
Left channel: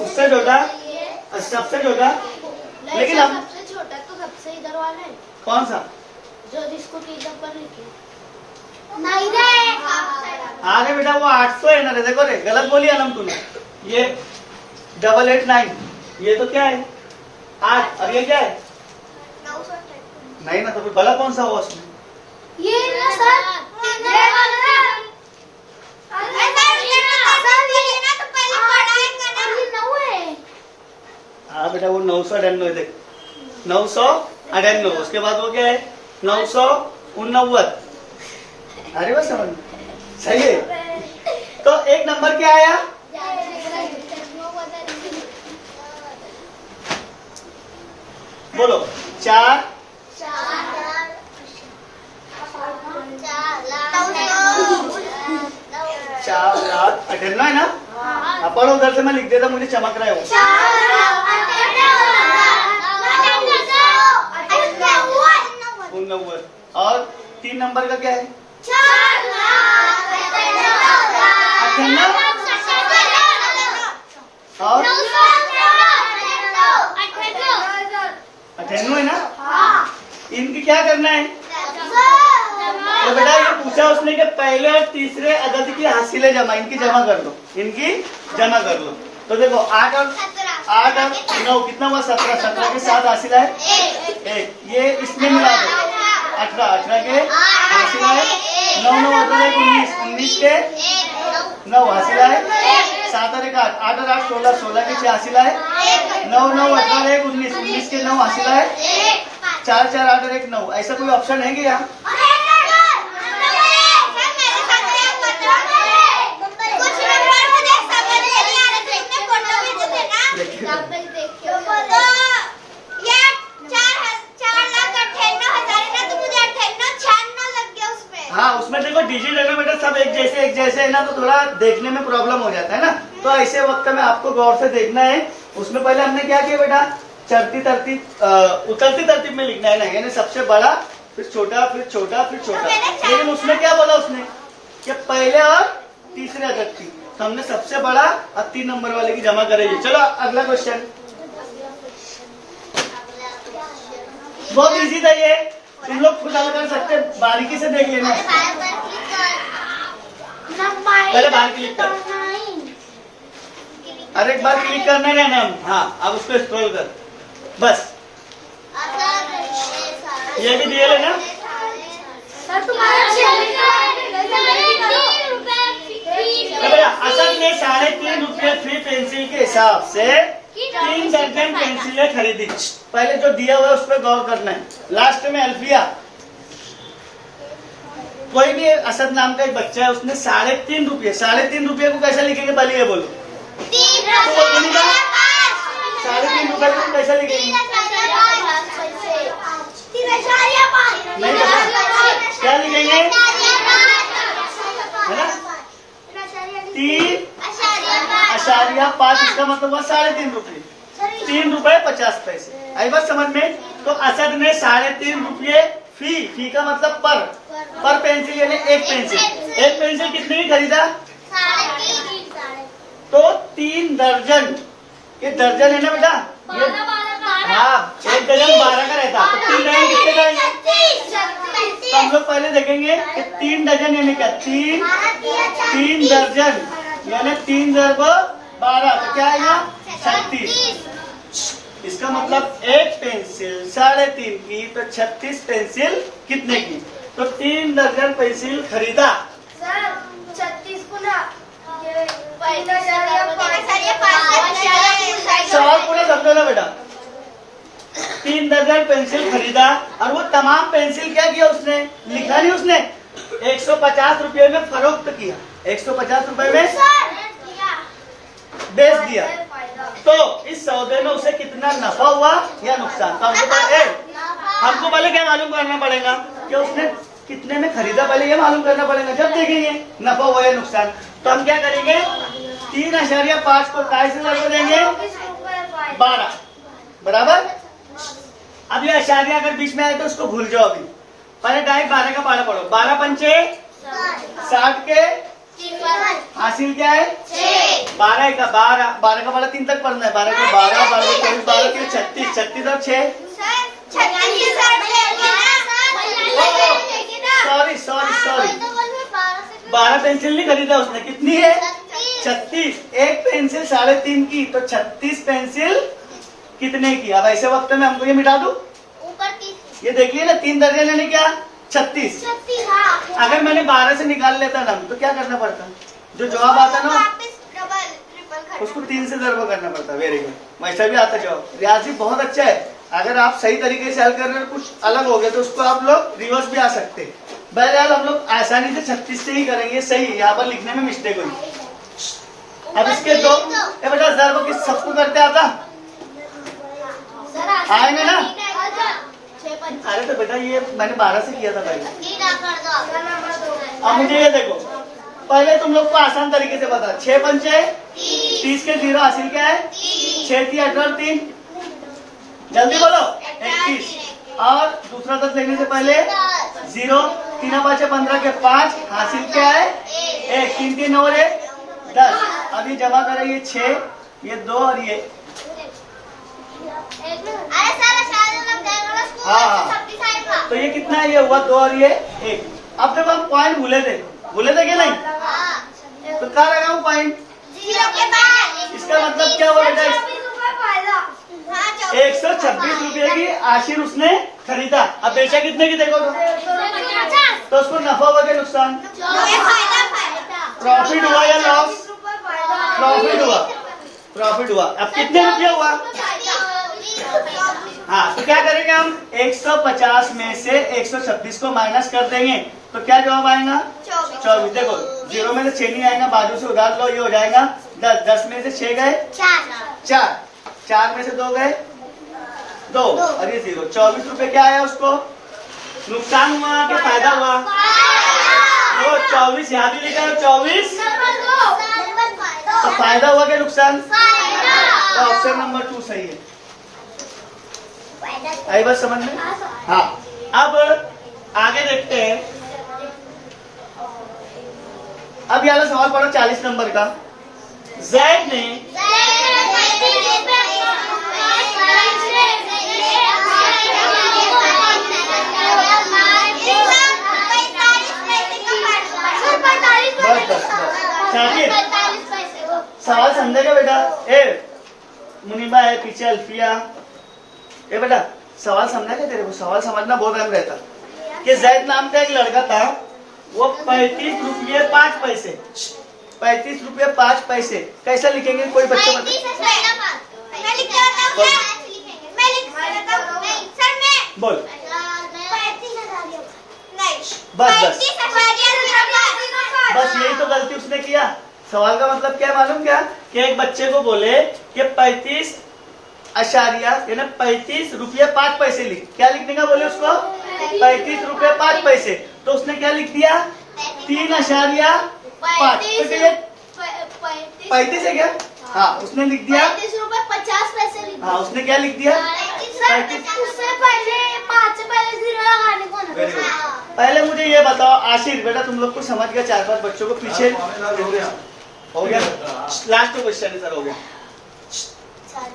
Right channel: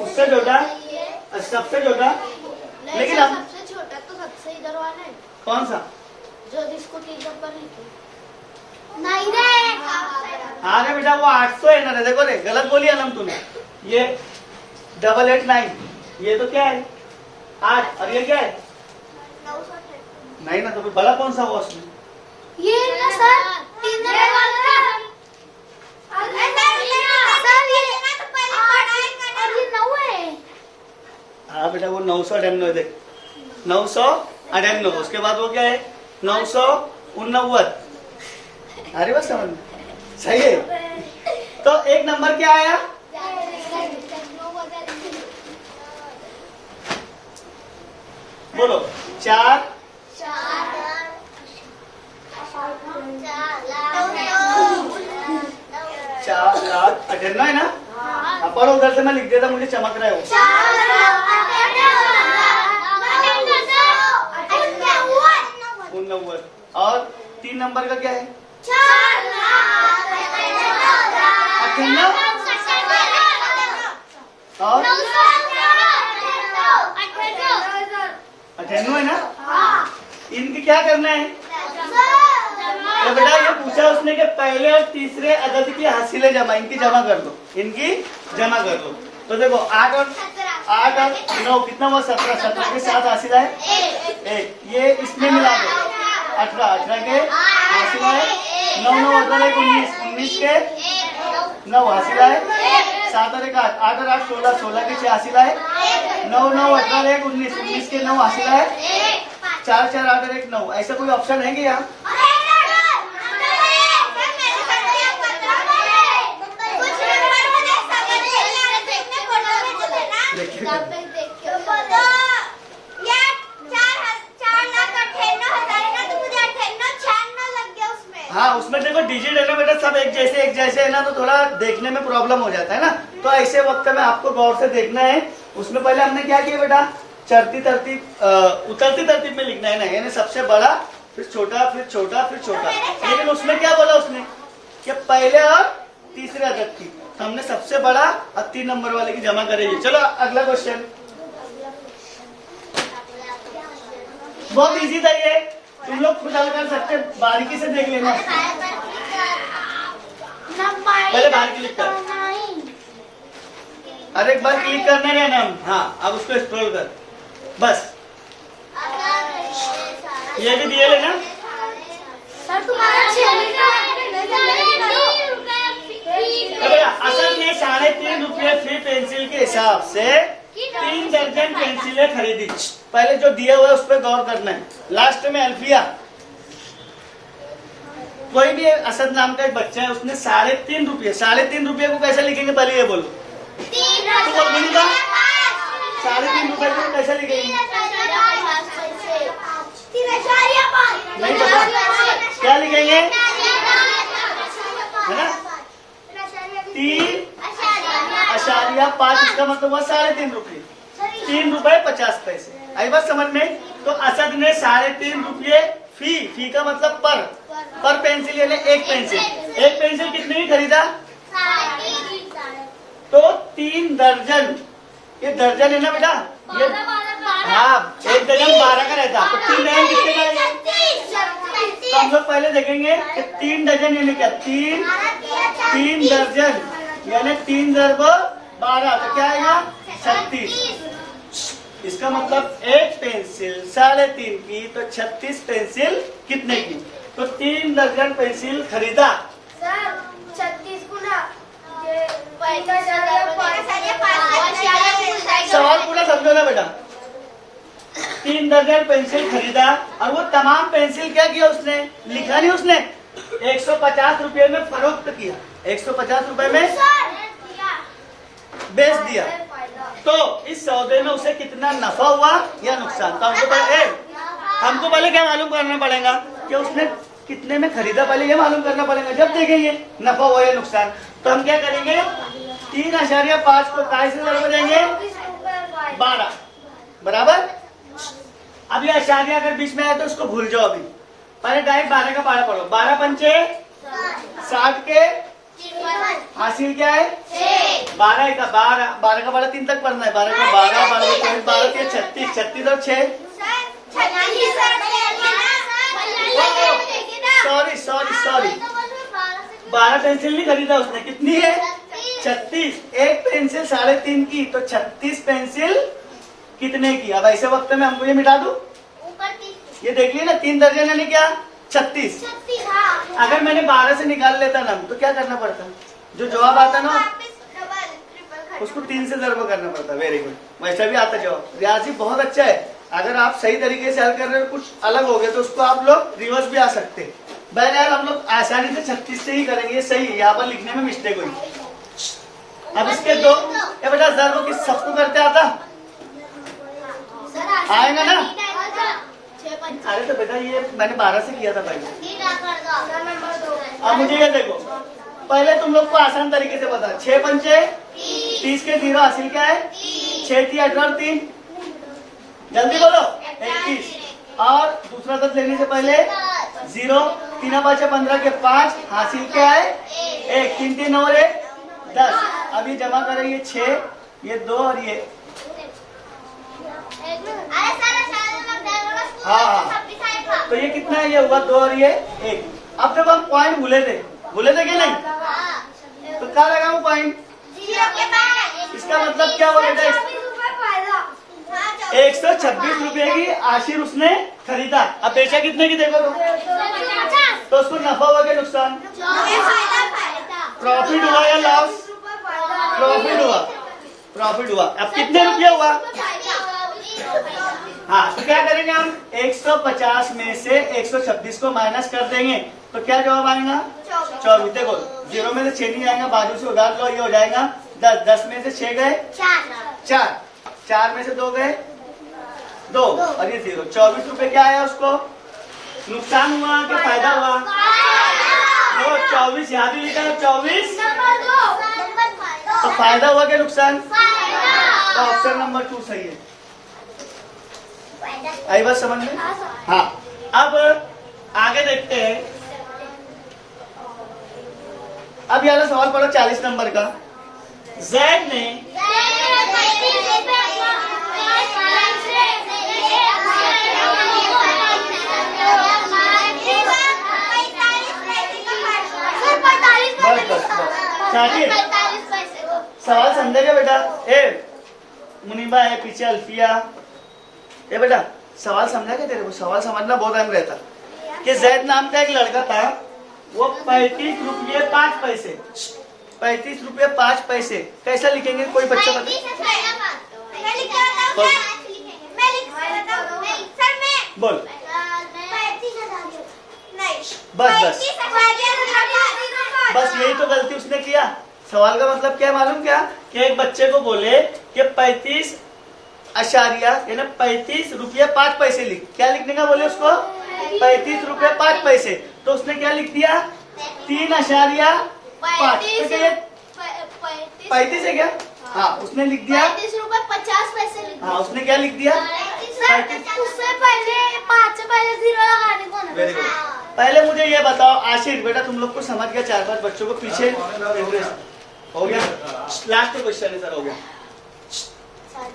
उससे छोटा और सबसे छोटा। लेकिन हम सबसे छोटा तो सबसे इधर वाला है। कौन सा? जो जिसको 3 नंबर लिखे नहीं रे। हाँ बेटा वो 800 है ना रे। देखो रे, गलत बोली है ना तूने। ये 889, ये तो क्या है? 8 और ये क्या है? 998। नहीं ना, तो फिर बड़ा कौन सा हुआ उसमें? ये ना सर, 3 हाँ बेटा वो 998 देख, 998। उसके बाद वो क्या है? 989। अरे बस समझ में सही है। तो 1 नंबर क्या आया? बोलो 4 4,58,000 है ना। अब पढ़ो उधर से, मैं लिख देता, मुझे चमक रहा है वो। 4,98,000 और 3 नंबर का क्या है? 98 और 98 है ना। इनकी क्या करना है? तो बेटा ये पूछा उसने कि पहले और तीसरे अदद की हासिलें जमा, इनकी जमा कर दो, इनकी जमा कर लो। तो देखो 8 और 9 कितना हुआ? 17। 17 के साथ हासिला है 1, ये इसमें मिला दो 18। 18 के हासिला है 9। 9 18 1 19। 19 के 9 हासिला है 7 और 1 8। 8 और 8 16। 16 के 6 हासिला है 9। 9 18 1 19। 19 के 9 हासिला है 4 4 8 और 1 9। ऐसा कोई ऑप्शन है कि यहाँ? हाँ उसमें देखो डिजिट है ना बेटा, सब एक जैसे है ना, तो थोड़ा देखने में प्रॉब्लम हो जाता है ना। तो ऐसे वक्त में आपको गौर से देखना है। उसमें पहले हमने क्या किया बेटा? चढ़ती तरतीब उतरती तरतीब में लिखना है ना, यानी सबसे बड़ा फिर छोटा फिर छोटा फिर छोटा। लेकिन उसमें क्या बोला उसने कि पहले और तीसरे अदद की, तो हमने सबसे बड़ा और 3 नंबर वाले की जमा करेगी। चलो अगला क्वेश्चन, बहुत इजी था ये, तुम लोग खुद हल कर सकते, बारीकी से देख लेना। पहले बाहर क्लिक कर, अरे एक बार क्लिक करना है ना। हाँ अब उसको स्क्रॉल कर, बस ये भी दिए लेना। असद ने 3.5 रुपये फ्री पेंसिल के हिसाब से 3 दर्जन पेंसिलें खरीदी। पहले जो दिया हुआ है उस पर गौर करना है। लास्ट में अल्फिया, कोई भी असद नाम का एक बच्चा है, उसने 3.5 रुपये, 3.5 रुपये को कैसे लिखेंगे? पहले ये बोलो। 3.5 रुपये को कैसे लिखेंगे? नहीं पता क्या लिखेंगे है ना? 3.5, इसका मतलब हुआ 3.5 रुपये। 3 रुपए 50 पैसे। आई बात समझ में? तो असद ने 3.5 रुपये फी का मतलब पर पेंसिल, यानी एक पेंसिल कितने की खरीदा? तो 3 दर्जन, ये दर्जन है ना बेटा, ये हाँ 1 दर्जन 12 का रहता, तो 3 दर्जन कितने का है? तो हम लोग पहले देखेंगे कि 3 दर्जन यानी क्या? 3 दर्जन यानी 3 × 12, तो क्या आएगा? 36। इसका मतलब एक पेंसिल 3.5 की, तो 36 पेंसिल कितने की? तो 3 दर्जन पेंसिल खरीदा। सवाल पूरा समझो ना बेटा। 3 दर्जन पेंसिल खरीदा और वो तमाम पेंसिल क्या किया उसने? लिखा नहीं उसने, 150 रुपये में फरोख्त किया, 150 रुपये में बेच दिया। तो इस सौदे में उसे कितना नफा हुआ या नुकसान? तो हमको पहले क्या मालूम करना पड़ेगा कि उसने कितने में खरीदा, पहले ये मालूम करना पड़ेगा, जब देखेंगे नफा हुआ या नुकसान। तो हम क्या करेंगे? 3.5 को काय से लगा देंगे? 12 बराबर। अब ये आशारिया अगर बीच में आए तो उसको भूल जाओ, अभी पहले डायरेक्ट 12 का पारा पढ़ो। 12 पंचे 60 के हासिल क्या है? 12 का 12 3 तक पढ़ना है। 12 का 12 12 24 12 के 36 36 और 6 सॉरी 12 पेंसिल नहीं खरीदा उसने, कितनी है? 36। एक पेंसिल 3.5 की, तो 36 पेंसिल कितने की? अब ऐसे वक्त में हमको ये मिटा दो, ये देखिए ना 3 दर्जन यानी क्या? 36। अगर मैंने 12 से निकाल लेता ना तो क्या करना पड़ता? जो जवाब आता ना उसको 3 से ज़रब करना पड़ता। वेरी गुड, वैसा भी आता जवाब। रियाजी बहुत अच्छा है, अगर आप सही तरीके से हल कर रहे हो, कुछ अलग हो गया तो उसको आप लोग रिवर्स भी आ सकते हैं। बहरहाल हम लोग आसानी से 36 से ही करेंगे, सही। यहाँ पर लिखने में मिस्टेक हुई। अब इसके दो बेटा ज़रब किस सबको करते आता आएगा ना? अरे तो बेटा ये मैंने 12 से किया था पहले। अब मुझे ये देखो, पहले तुम लोग को आसान तरीके से बता, 6 पंचे 30 के 0 हासिल क्या है? 6 थी 18 और 3, जल्दी बोलो 31। और दूसरा 10 लेने से पहले 0, 3 5 15 के 5 हासिल क्या है? 1, 3 3 और 1 10। अभी जमा करें ये 6, ये 2 और ये। हाँ, तो ये कितना है? ये हुआ 2 और ये 1। अब जब हम पॉइंट भूले थे कि नहीं, तो क्या लगाऊं पॉइंट? इसका मतलब क्या हुआ बेटा? 126 रुपए की आशीर उसने खरीदा। अब बेचा कितने की देखो तो उसको नफा हुआ क्या नुकसान? प्रॉफिट हुआ या लॉस? प्रॉफिट हुआ, प्रॉफिट हुआ। अब कितने रुपया हुआ? हाँ, तो क्या करेंगे हम? 150 में से 126 को माइनस कर देंगे तो क्या जवाब आएगा? 24। देखो 0 में से 6 नहीं आएगा, बाजू से उधार लो, ये हो जाएगा 10। 10 में से 6 गए 4, 4 में से 2 गए 2 और ये 0। 24 रुपए क्या आया उसको? नुकसान हुआ कि फायदा हुआ? वो 24 यहाँ भी लिखा है 24, तो फायदा हुआ क्या नुकसान? तो ऑप्शन नंबर 2 सही है। आई बात समझ में? हाँ, अब आगे देखते हैं। अब यहाँ सवाल पड़ा 40 नंबर का। Z ने शाकिर सवाल समझेगा बेटा? मुनीबा है पीछे, अल्फिया। ये बेटा सवाल समझेगा तेरे को? सवाल समझना बहुत अहम रहता कि जैद नाम का एक लड़का था, वो 35 रुपये 5 पैसे 35 रुपये 5 पैसे कैसे लिखेंगे? कोई बच्चा बोल। बस यही तो गलती उसने किया। सवाल का मतलब क्या है मालूम? क्या कि एक बच्चे को बोले कि 35 अशारिया यानी 35 रुपये 5 पैसे लिख। क्या लिखने का बोले उसको? 35 रुपये 5 पैसे। तो उसने क्या लिख दिया? 3.5। 35 है क्या? हाँ, उसने लिख दिया 35 रुपए 50 पैसे। हाँ, उसने क्या लिख दिया? Very good. पहले मुझे ये बताओ आशिर बेटा, तुम लोग को समझ गया? 4-5 बच्चों को पीछे हो गया। लास्ट क्वेश्चन है सर, हो गया।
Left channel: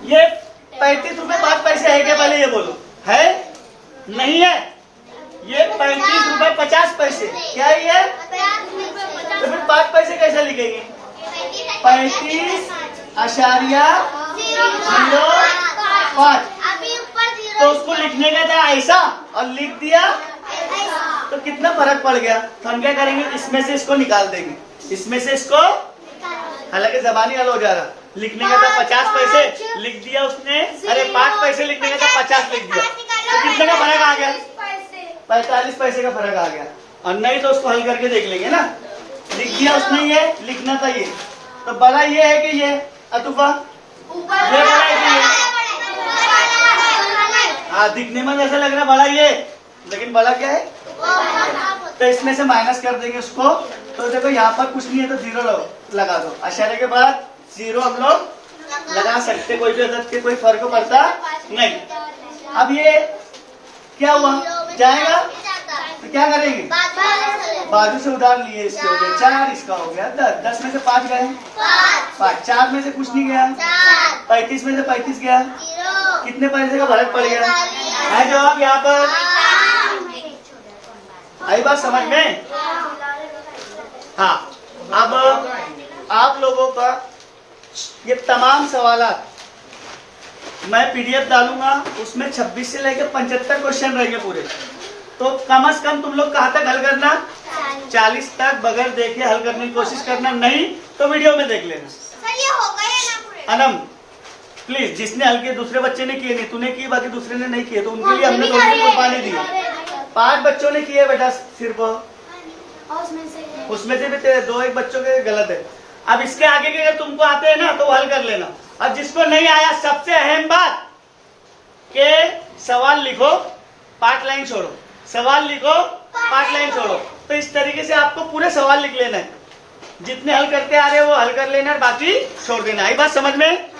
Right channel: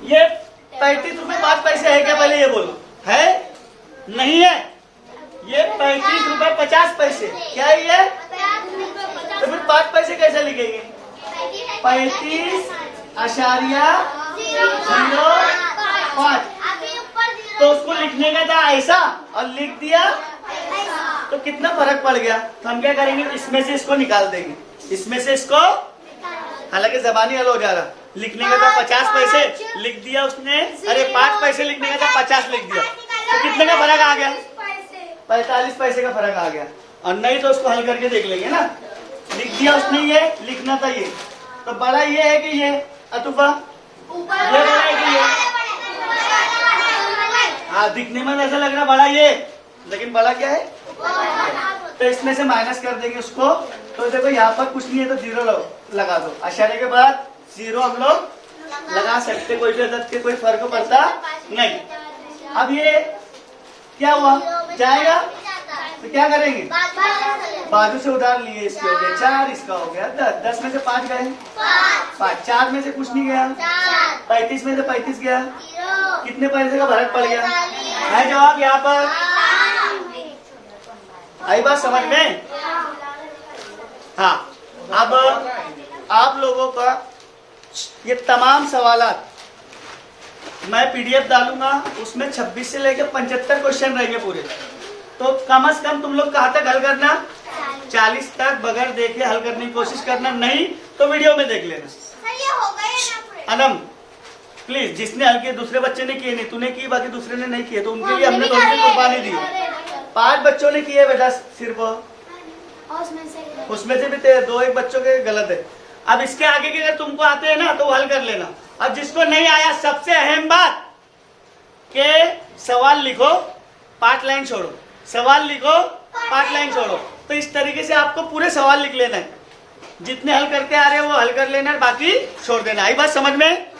ये 35 रुपए 5 पैसे है क्या? पहले ये बोलो, है नहीं है? ये 35 रुपए 50 पैसे क्या है ये? तो फिर 5 पैसे कैसे लिखेंगे? 35.05। तो उसको लिखने का था ऐसा और लिख दिया तो कितना फर्क पड़ गया? तो हम क्या करेंगे? इसमें से इसको निकाल देंगे, इसमें से इसको। हालांकि जबानी हल हो जा रहा। लिखने का था 50 पैसे, लिख दिया उसने। अरे 5 पैसे लिखने का था 50 लिख दिया, तो कितने का फर्क आ गया? 45 पैसे का फर्क आ गया। और नहीं तो उसको हल करके देख लेंगे ना। लिख दिया उसने, ये लिखना था ये। तो बड़ा ये है कि ये अतुफा ये बड़ा है कि ये? हाँ, दिखने में ऐसा लग रहा बड़ा ये, लेकिन बड़ा क्या है? तो इसमें से माइनस कर देंगे उसको। तो देखो यहाँ पर कुछ नहीं है तो 0 लगा दो। अशारे के बाद 0 हम लोग लगा सकते, कोई भी अदद के कोई फर्क पड़ता नहीं। अब ये क्या हुआ? जाएगा तो क्या करेंगे? बाजू से उधार लिए, इसके हो गए 4, इसका हो गया 10। 10 में से 5 गए 5, 4 में से कुछ नहीं गया, 35 में से 35 गया, कितने पैसे का फर्क पड़ गया? है जवाब यहाँ पर? आई बात समझ में? हाँ, अब आप लोगों का ये तमाम सवालात मैं PDF डालूंगा, उसमें 26 से लेकर 75 क्वेश्चन रहेंगे पूरे। तो कम से कम तुम लोग कहाँ तक हल करना? 40 तक बगैर देखे हल करने की कोशिश करना, नहीं तो वीडियो में देख लेना। अनम प्लीज, जिसने हल किए, दूसरे बच्चे ने किए नहीं, तूने किए, बाकी दूसरे ने नहीं किए, तो उनके लिए हमने थोड़ी कुर्बानी दी। 5 बच्चों ने किए बेटा सिर्फ, उसमें से भी 2-1 बच्चों के गलत है। अब इसके आगे के अगर तुमको आते हैं ना तो हल कर लेना। अब जिसको नहीं आया, सबसे अहम बात के सवाल लिखो 5 लाइन छोड़ो, सवाल लिखो 5 लाइन छोड़ो। तो इस तरीके से आपको पूरे सवाल लिख लेना है। जितने हल करते आ रहे हो वो हल कर लेना, बाकी छोड़ देना। आई बात समझ में?